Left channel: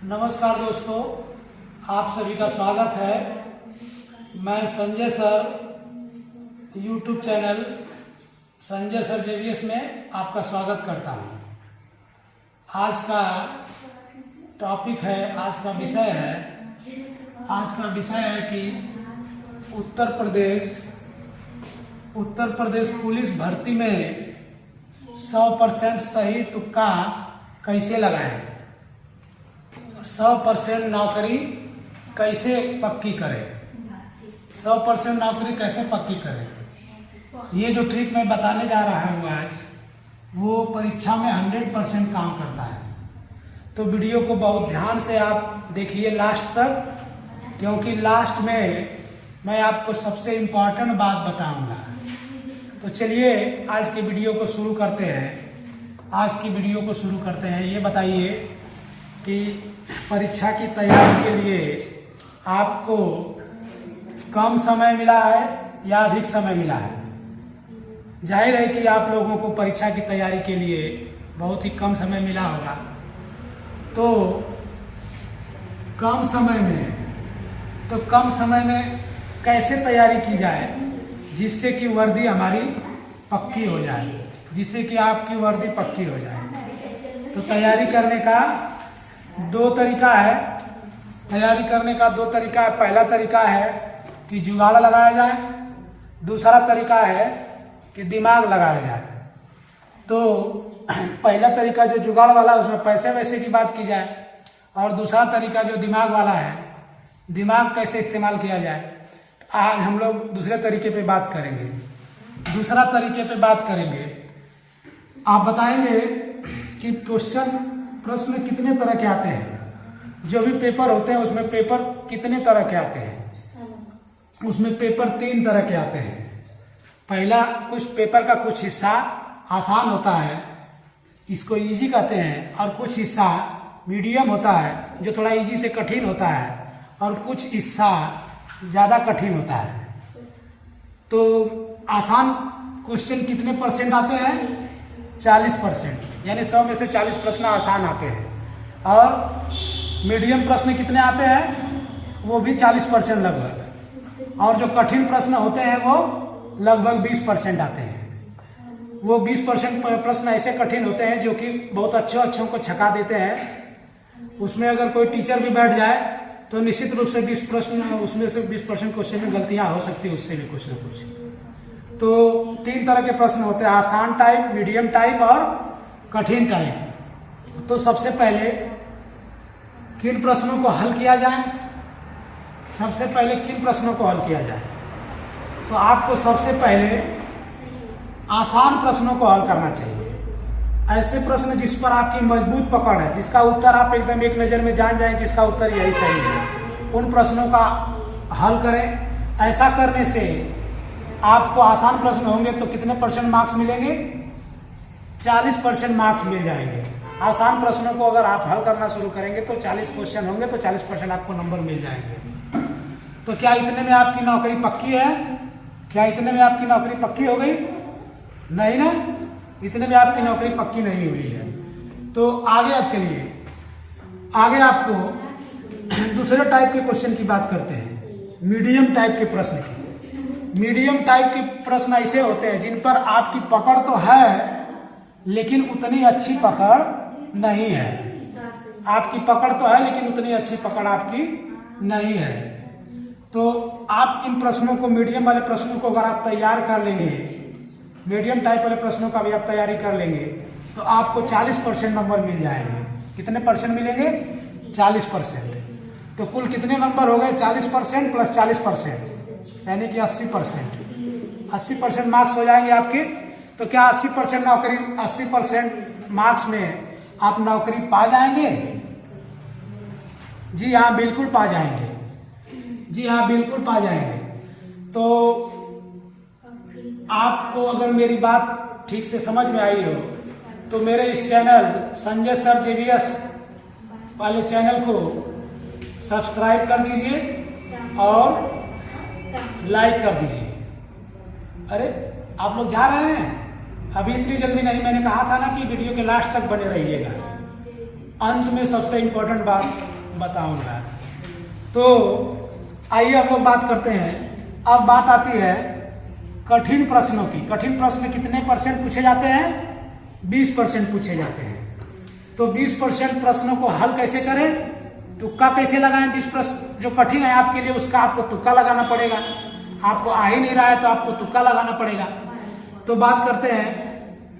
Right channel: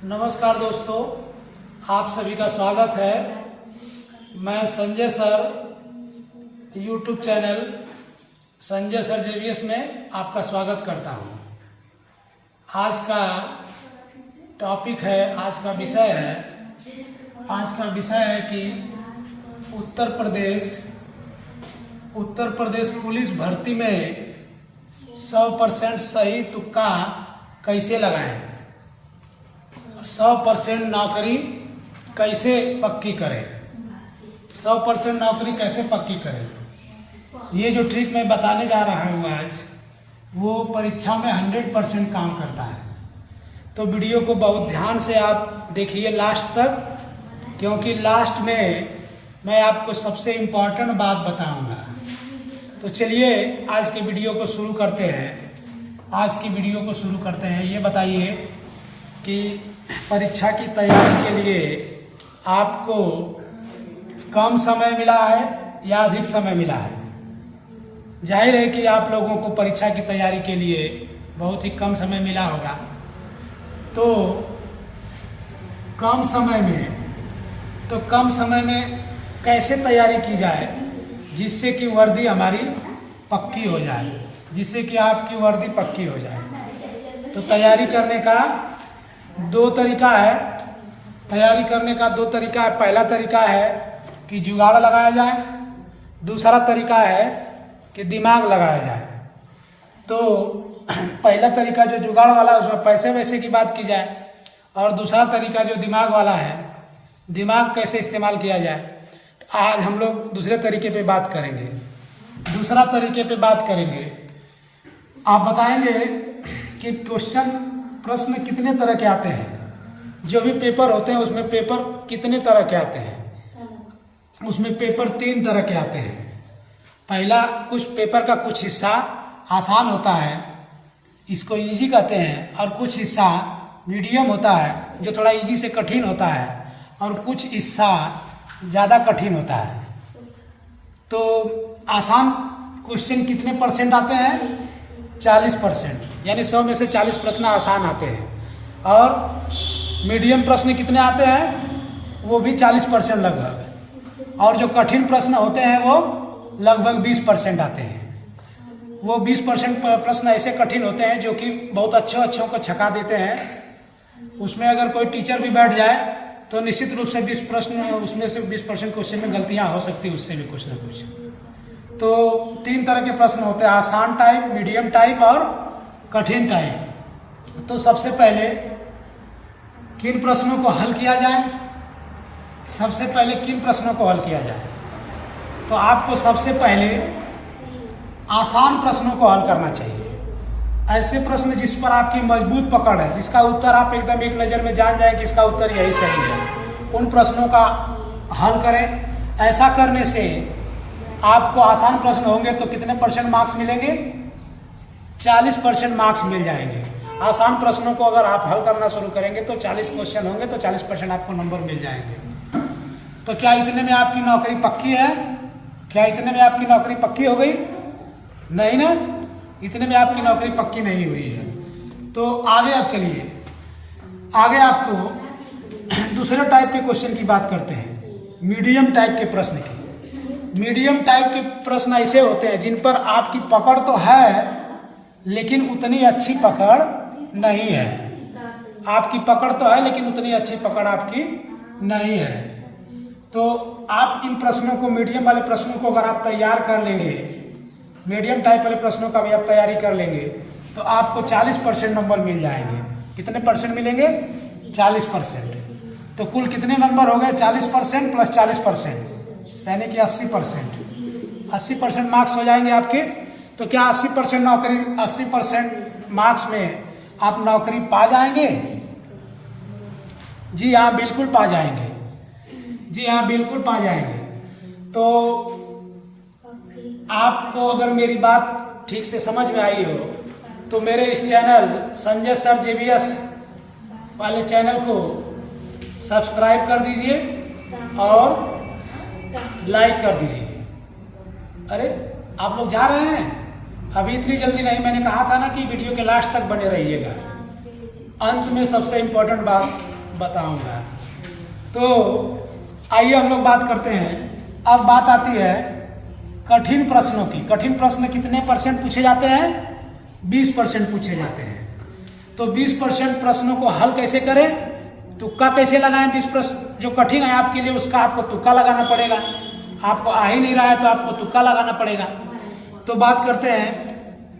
नमस्कार दोस्तों, आप सभी का स्वागत है। मैं Sanjay sir YouTube channel Sanjay sir JVS में आपका स्वागत करता हूं। आज का टॉपिक है, आज का विषय है कि उत्तर प्रदेश पुलिस भर्ती में 100% सही तुक्का कैसे लगाएं, 100% नौकरी कैसे पक्की करें, 100% नौकरी कैसे पक्की करें। ये जो ट्रिक मैं बताने जा रहा हूँ आज, वो परीक्षा में 100% काम करता है। तो वीडियो को बहुत ध्यान से आप देखिए लास्ट तक, क्योंकि लास्ट में मैं आपको सबसे इम्पोर्टेंट बात बताऊंगा। तो चलिए आज के वीडियो को शुरू करते हैं। ये बताइए कि परीक्षा की तैयारी के लिए आपको कम समय मिला है या अधिक समय मिला है। जाहिर है कि आप लोगों को परीक्षा की तैयारी के लिए बहुत ही कम समय मिला होगा। तो कम समय में कैसे तैयारी की जाए जिससे कि वर्दी हमारी पक्की हो जाए, जिससे कि आपकी वर्दी पक्की हो जाए। तो तैयारी करने का दो तरीका है। पहला तरीका है कि जुगाड़ लगाया जाए, दूसरा तरीका है कि दिमाग लगाया जाए। तो पहला तरीका जो जुगाड़ वाला है उसमें पैसे वैसे की बात की जाए, और दूसरा तरीका जो दिमाग वाला है, दिमाग कैसे इस्तेमाल किया जाए। तो आज हम लोग दूसरे तरीके पे बात करेंगे। आप बताएंगे कि प्रश्न कितने तरह के आते हैं। जो भी पेपर होते हैं उसमें पेपर कितने तरह के आते हैं। उसमें पेपर 3 तरह के आते हैं। पहला, कुछ पेपर का कुछ हिस्सा आसान होता है, इसको इजी कहते हैं, और कुछ हिस्सा मीडियम होता है जो थोड़ा इजी से कठिन होता है, और कुछ हिस्सा ज़्यादा कठिन होता है। तो आसान क्वेश्चन कितने परसेंट आते हैं? 40%, यानी 100 में से 40 प्रश्न आसान आते हैं। और मीडियम प्रश्न कितने आते हैं? वो भी 40% लगभग। और जो कठिन प्रश्न होते हैं वो लगभग 20% आते हैं। वो 20% प्रश्न ऐसे कठिन होते हैं जो कि बहुत अच्छों को छका देते हैं। उसमें अगर कोई टीचर भी बैठ जाए तो निश्चित रूप से 20 प्रश्न, उसमें से 20% क्वेश्चन में गलतियां हो सकती है, उससे भी कुछ न कुछ। तो 3 तरह के प्रश्न होते हैं, आसान टाइप, मीडियम टाइप और कठिन टाइप। तो सबसे पहले किन प्रश्नों को हल किया जाए? तो आपको सबसे पहले आसान प्रश्नों को हल करना चाहिए। ऐसे प्रश्न जिस पर आपकी मजबूत पकड़ है, जिसका उत्तर आप एकदम एक नज़र में जान जाएं कि इसका उत्तर यही सही है, उन प्रश्नों का हल करें। ऐसा करने से आपको आसान प्रश्न होंगे तो कितने परसेंट मार्क्स मिलेंगे? 40% मार्क्स मिल जाएंगे। आसान प्रश्नों को अगर आप हल करना शुरू करेंगे तो 40 क्वेश्चन होंगे तो 40% आपको नंबर मिल जाएंगे। तो क्या इतने में आपकी नौकरी पक्की है? हो गई? नहीं ना, इतने में आपकी नौकरी पक्की नहीं हुई है। तो आगे आप चलिए, आगे आपको दूसरे टाइप के क्वेश्चन की बात करते हैं, मीडियम टाइप के प्रश्न की। मीडियम टाइप के प्रश्न ऐसे होते हैं जिन पर आपकी पकड़ तो है लेकिन उतनी अच्छी पकड़ नहीं है। आपकी पकड़ तो है लेकिन उतनी अच्छी पकड़ आपकी नहीं है। तो आप इन प्रश्नों को, मीडियम वाले प्रश्नों को अगर आप तैयार कर लेंगे, मीडियम टाइप वाले प्रश्नों का भी आप तैयारी कर लेंगे तो आपको 40% नंबर मिल जाएंगे। कितने परसेंट मिलेंगे? 40%। तो कुल कितने नंबर हो गए? 40% प्लस 40%, यानी कि 80%। 80% मार्क्स हो जाएंगे आपके। तो क्या 80% मार्क्स में आप नौकरी पा जाएंगे? जी हाँ, बिल्कुल पा जाएंगे। तो आपको अगर मेरी बात ठीक से समझ में आई हो तो मेरे इस चैनल संजय सर जेवीएस वाले चैनल को सब्सक्राइब कर दीजिए और लाइक कर दीजिए। अरे आप लोग जा रहे हैं? अभी इतनी जल्दी नहीं, मैंने कहा था ना कि वीडियो के लास्ट तक बने रहिएगा। अंत में सबसे इम्पोर्टेंट बात बताऊंगा। तो आइए हम लोग बात करते हैं। अब बात आती है कठिन प्रश्नों की। कठिन प्रश्न कितने % पूछे जाते हैं? 20% पूछे जाते हैं। तो 20% प्रश्नों को हल कैसे करें, तुक्का कैसे लगाएं? 20 प्रश्न जो कठिन है आपके लिए उसका आपको तुक्का लगाना पड़ेगा। आपको आ ही नहीं रहा है तो आपको तुक्का लगाना पड़ेगा। तो बात करते हैं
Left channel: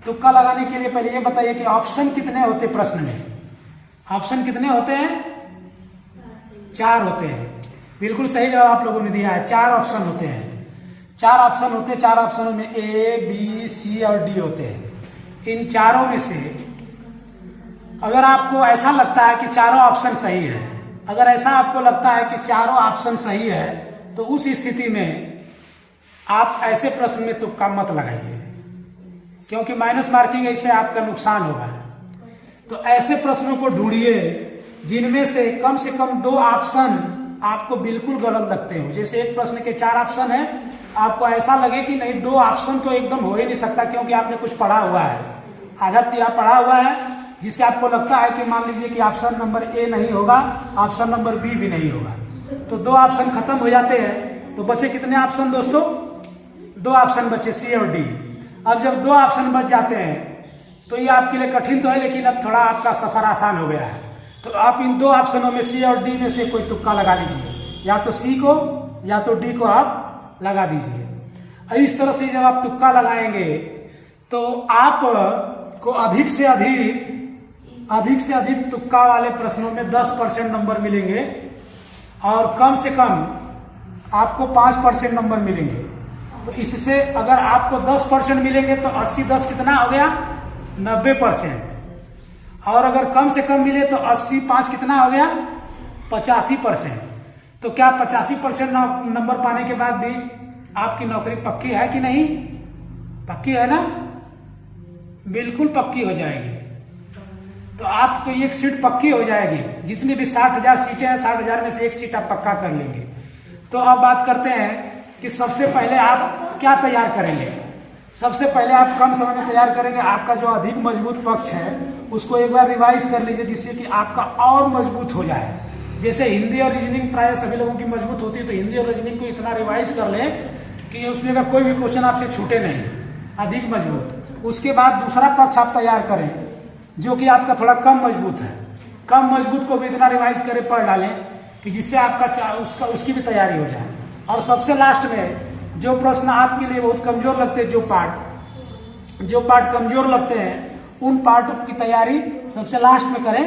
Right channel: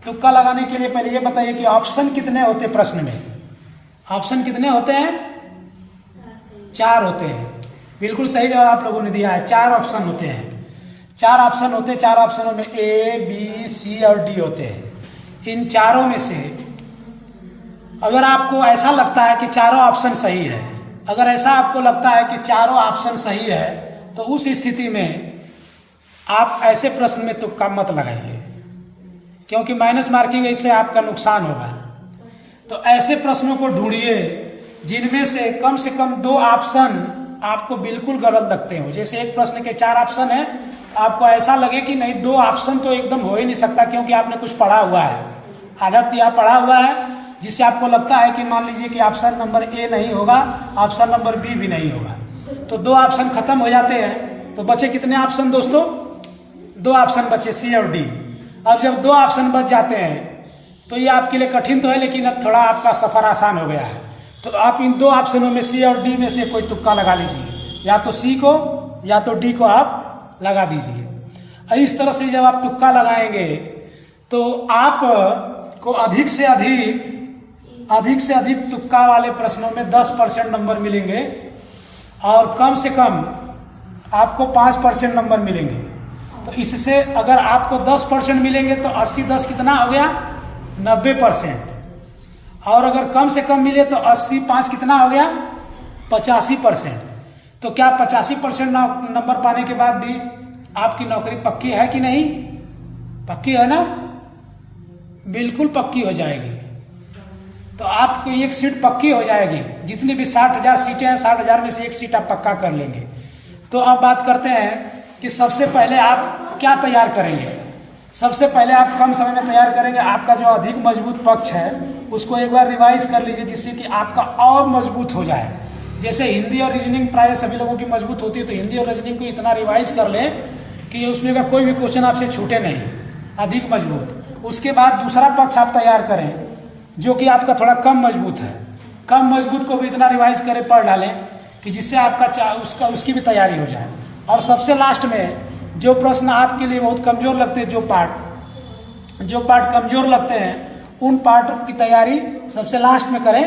तुक्का लगाने के लिए। पहले ये बताइए कि ऑप्शन कितने होते प्रश्न में? ऑप्शन कितने होते हैं? 4 होते हैं। बिल्कुल सही जवाब आप लोगों ने दिया है। 4 ऑप्शन होते हैं। 4 ऑप्शन होते हैं। 4 ऑप्शनों में A, B, C और D होते हैं। इन चारों में से अगर आपको ऐसा लगता है कि चारों ऑप्शन सही है, अगर ऐसा आपको लगता है कि चारों ऑप्शन सही है, तो उस स्थिति में आप ऐसे प्रश्न में तुक्का मत लगाइए, क्योंकि माइनस मार्किंग इससे आपका नुकसान होगा। तो ऐसे प्रश्नों को ढूंढिए जिनमें से कम 2 ऑप्शन आपको बिल्कुल गलत लगते हो। जैसे एक प्रश्न के 4 ऑप्शन है, आपको ऐसा लगे कि नहीं 2 ऑप्शन तो एकदम हो ही नहीं सकता, क्योंकि आपने कुछ पढ़ा हुआ है, आधा तिया पढ़ा हुआ है, जिससे आपको लगता है कि मान लीजिए कि ऑप्शन नंबर ए नहीं होगा, ऑप्शन नंबर बी भी नहीं होगा। तो 2 ऑप्शन खत्म हो जाते हैं। तो बचे कितने ऑप्शन दोस्तों? 2 ऑप्शन बचे, सी और डी। अब जब 2 ऑप्शन बच जाते हैं तो ये आपके लिए कठिन तो है, लेकिन अब थोड़ा आपका सफर आसान हो गया है। तो आप इन 2 ऑप्शनों में सी और डी में से कोई तुक्का लगा लीजिए, या तो सी को या तो डी को आप लगा दीजिए। इस तरह से जब आप तुक्का लगाएंगे तो आपको अधिक से अधिक तुक्का वाले प्रश्नों में 10% नंबर मिलेंगे, और कम से कम आपको 5% नंबर मिलेंगे। तो इससे अगर आपको 10% मिलेंगे तो 80-10 कितना हो गया? 90%। और अगर कम से कम मिले तो 80-5 कितना हो गया? 85%। तो क्या 85% नंबर पाने के बाद भी आपकी नौकरी पक्की है कि नहीं? पक्की है ना? बिल्कुल पक्की हो जाएगी। तो आपकी एक सीट पक्की हो जाएगी। जितनी भी 60,000 सीटें हैं, 60,000 में से एक सीट आप पक्का कर लेंगे। तो अब बात करते हैं कि सबसे पहले आप क्या तैयार करेंगे। सबसे पहले आप कम समय में तैयार करेंगे। आपका जो अधिक मजबूत पक्ष है उसको एक बार रिवाइज कर लीजिए, जिससे कि आपका और मजबूत हो जाए। जैसे हिंदी और रीजनिंग प्राय सभी लोगों की मजबूत होती है, तो हिंदी और रीजनिंग को इतना रिवाइज कर लें कि उसमें का कोई भी क्वेश्चन आपसे छूटे नहीं, अधिक मजबूत। उसके बाद दूसरा पक्ष आप तैयार करें जो कि आपका थोड़ा कम मजबूत है। कम मजबूत को भी इतना रिवाइज करें, पढ़ डालें कि जिससे आपका उसकी भी तैयारी हो जाए। और सबसे लास्ट में जो प्रश्न आपके लिए बहुत कमजोर लगते हैं, जो पार्ट कमजोर लगते हैं, उन पार्ट की तैयारी सबसे लास्ट में करें।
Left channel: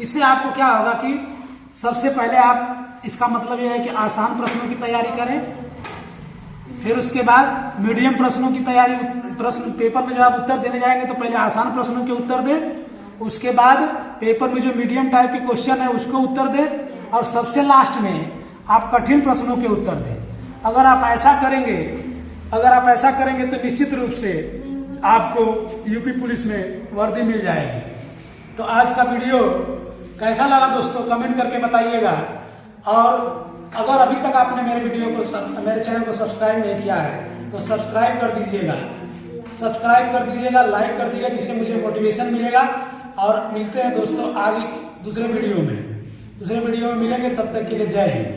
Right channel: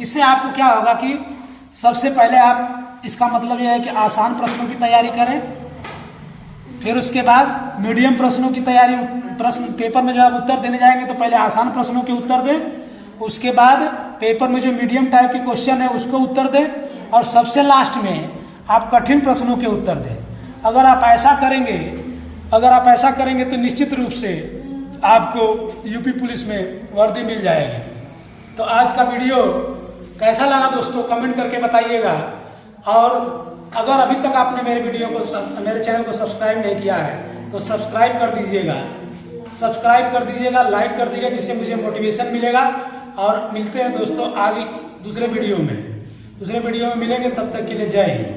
इससे आपको क्या होगा कि सबसे पहले आप, इसका मतलब यह है कि आसान प्रश्नों की तैयारी करें, फिर उसके बाद मीडियम प्रश्नों की तैयारी। प्रश्न पेपर में जब आप उत्तर देने जाएंगे तो पहले आसान प्रश्नों के उत्तर दें, उसके बाद पेपर में जो मीडियम टाइप के क्वेश्चन है उसको उत्तर दें, और सबसे लास्ट में आप कठिन प्रश्नों के उत्तर दें। अगर आप ऐसा करेंगे तो निश्चित रूप से आपको यूपी पुलिस में वर्दी मिल जाएगी। तो आज का वीडियो कैसा लगा दोस्तों, कमेंट करके बताइएगा। और अगर अभी तक आपने मेरे चैनल को सब्सक्राइब नहीं किया है तो सब्सक्राइब कर दीजिएगा, लाइक कर दीजिएगा, जिससे मुझे मोटिवेशन मिलेगा। और मिलते हैं दोस्तों आगे दूसरे वीडियो में मिलेंगे। तब तक के लिए जय हिंद।